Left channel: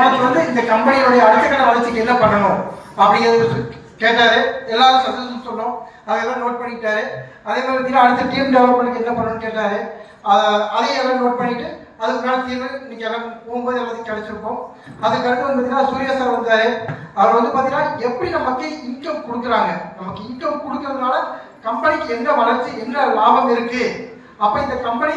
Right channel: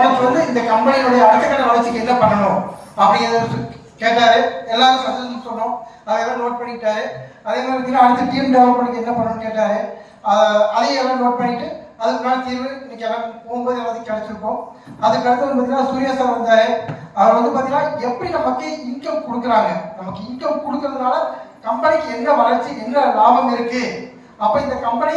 உனக்கு வந்து இந்த கம்பெனியோடைய அடுத்த கட்ட வளர்ச்சிக்கு என்ன பண்ணணும் அப்படிங்கிறத கேட்டாரு. எல்லாரும் சஜஷன் சொன்னோம், அதெல்லாம் நோட் பண்ணிட்டாரு. அதே மாதிரி அடுத்த டீம் டெவலப்மெண்ட்டுக்கு என்ன பண்ணணும்னு கேட்டாரு. அதையும் எல்லாம் நோட் பண்ணிட்டு அதுக்கான தீர்வு இன்னைக்கு எல்லாம் போகும்போது எல்லாத்தையும் கிடைச்சிருக்கோம். அதுக்கு அடுத்து வந்து பார்த்தீங்கன்னா சூர்யா சார் வந்தாரு. அவர் வந்து பார்த்தீங்கன்னா எப்படி நமக்கு இன்கம் கொடுக்குறாங்க, நமக்கு இன்கம் கொடுக்கறதுனால கம்பெனிக்கு என்ன வளர்ச்சி என்ன லாபம் இருக்கு, அப்ப இந்த கம்பெனி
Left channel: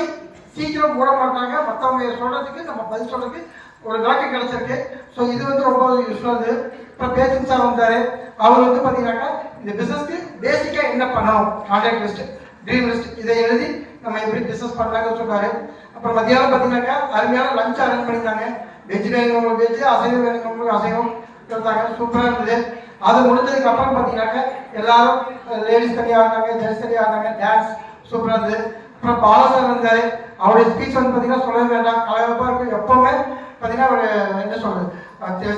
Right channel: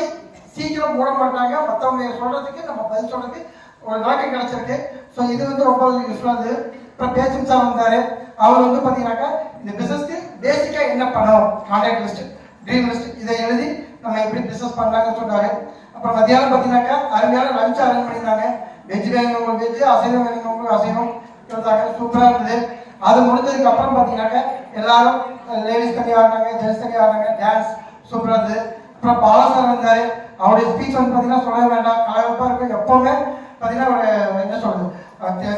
சீக்கிரம் மூட மாட்டாங்க, மற்றவங்க சொல்றதுக்கு நம்ம பதில் சொல்றதுக்கு ஒரு விளக்கம் கிடைச்சிருக்கு. ஸோ இது வந்து ரொம்ப யூஸ்ஃபுல்லாக இருந்தது. அப்புறம் பேச்சும் சார் வந்தாரு. அவர் வந்து பார்த்தீங்கன்னாக்கா இந்த பிசினஸ்க்கு பேசிக்காக என்ன பண்ணணும், கான்ட்ராக்ட் லிஸ்ட், ட்ரீம் லிஸ்ட், இதை எழுதி நம்ம எப்படி பிசினஸ் பண்ணலாம்னு சொன்னாரு. அப்புறம் மத்தியானம் பார்த்தீங்கன்னாக்கா அருமையான லஞ்ச் அரேஞ்ச் பண்ணியிருந்தாங்க. வெஜ் வேணுங்களுக்கு வெஜ், அசைவம் வேணுங்களுக்கு அசைவம் கொடுத்தாங்க. சூப்பராக இருந்தது. அது முடிஞ்சதுக்கு அப்புறம் பார்த்தீங்கன்னாக்கா எல்லாரும் லேடிஸ் தனியாக ஆடினாங்க, ஜென்ட்ஸ் தனியாக ஆடினாங்க. டான்ஸ் சூப்பராக இருந்தது. அப்புறம் பாலா சார் வந்தார். அவருடைய ஸ்பீச் வந்து பார்த்தீங்கன்னா சொல்லவே வேண்டாம், கலகலப்பாக இருக்கும். எப்பவுமே பார்த்தீங்கன்னா அவர் என்ன சொல்றது,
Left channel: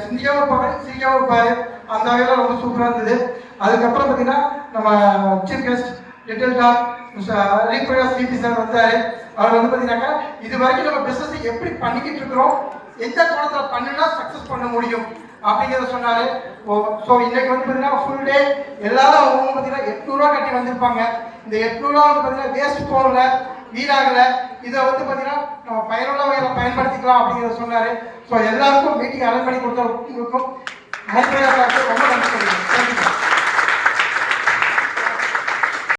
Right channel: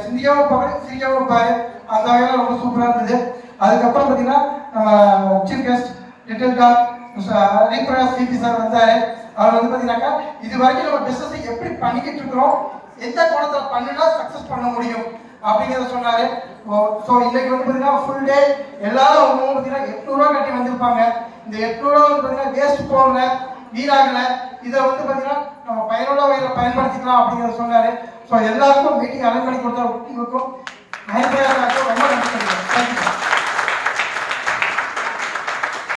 சிந்திக்காம இருப்பாரு, சிரிக்காம இருப்பாரு. அந்த வகையில் ரொம்ப சூப்பராக இருந்தது. அதுக்கப்புறம் பார்த்தீங்கன்னா நம்ம சீஃப் கெஸ்ட் லிட்டில் டாக் ரீபிரகாஷ் சிபி சார் வந்தார். அவர் வந்து பார்த்தீங்கன்னாக்கா இது வரைக்கும் நம்ம பிஸ்னஸ் எப்படி பண்ணிக்கிட்டு இருக்கிறோம், எந்த கோணத்தில் பண்ணினா சக்ஸஸ் பண்ண முடியும் அப்படிங்கிறத சொன்னாரு. ஸோ இன்னைக்கு வந்து பார்த்தீங்கன்னா ஃபுல் டே எல்லாரும் அவங்க பார்த்தீங்கன்னா 800 கட்டி வந்திருப்பாங்க. இந்த 800 வந்து பார்த்தீங்கன்னா வேஸ்ட் போகல, வீணாகல. இதை வந்து பார்த்தீங்கன்னா நம்ம பயனுள்ள வகையில் பயன்படுத்திக்கலாம் அப்படிங்கிறத சொன்னாரு. ஸோ எல்லாருக்கும் மீட்டிங் அரேஞ்ச் பண்ணி கொடுத்தவங்களுக்கும் ரொம்ப நன்றி.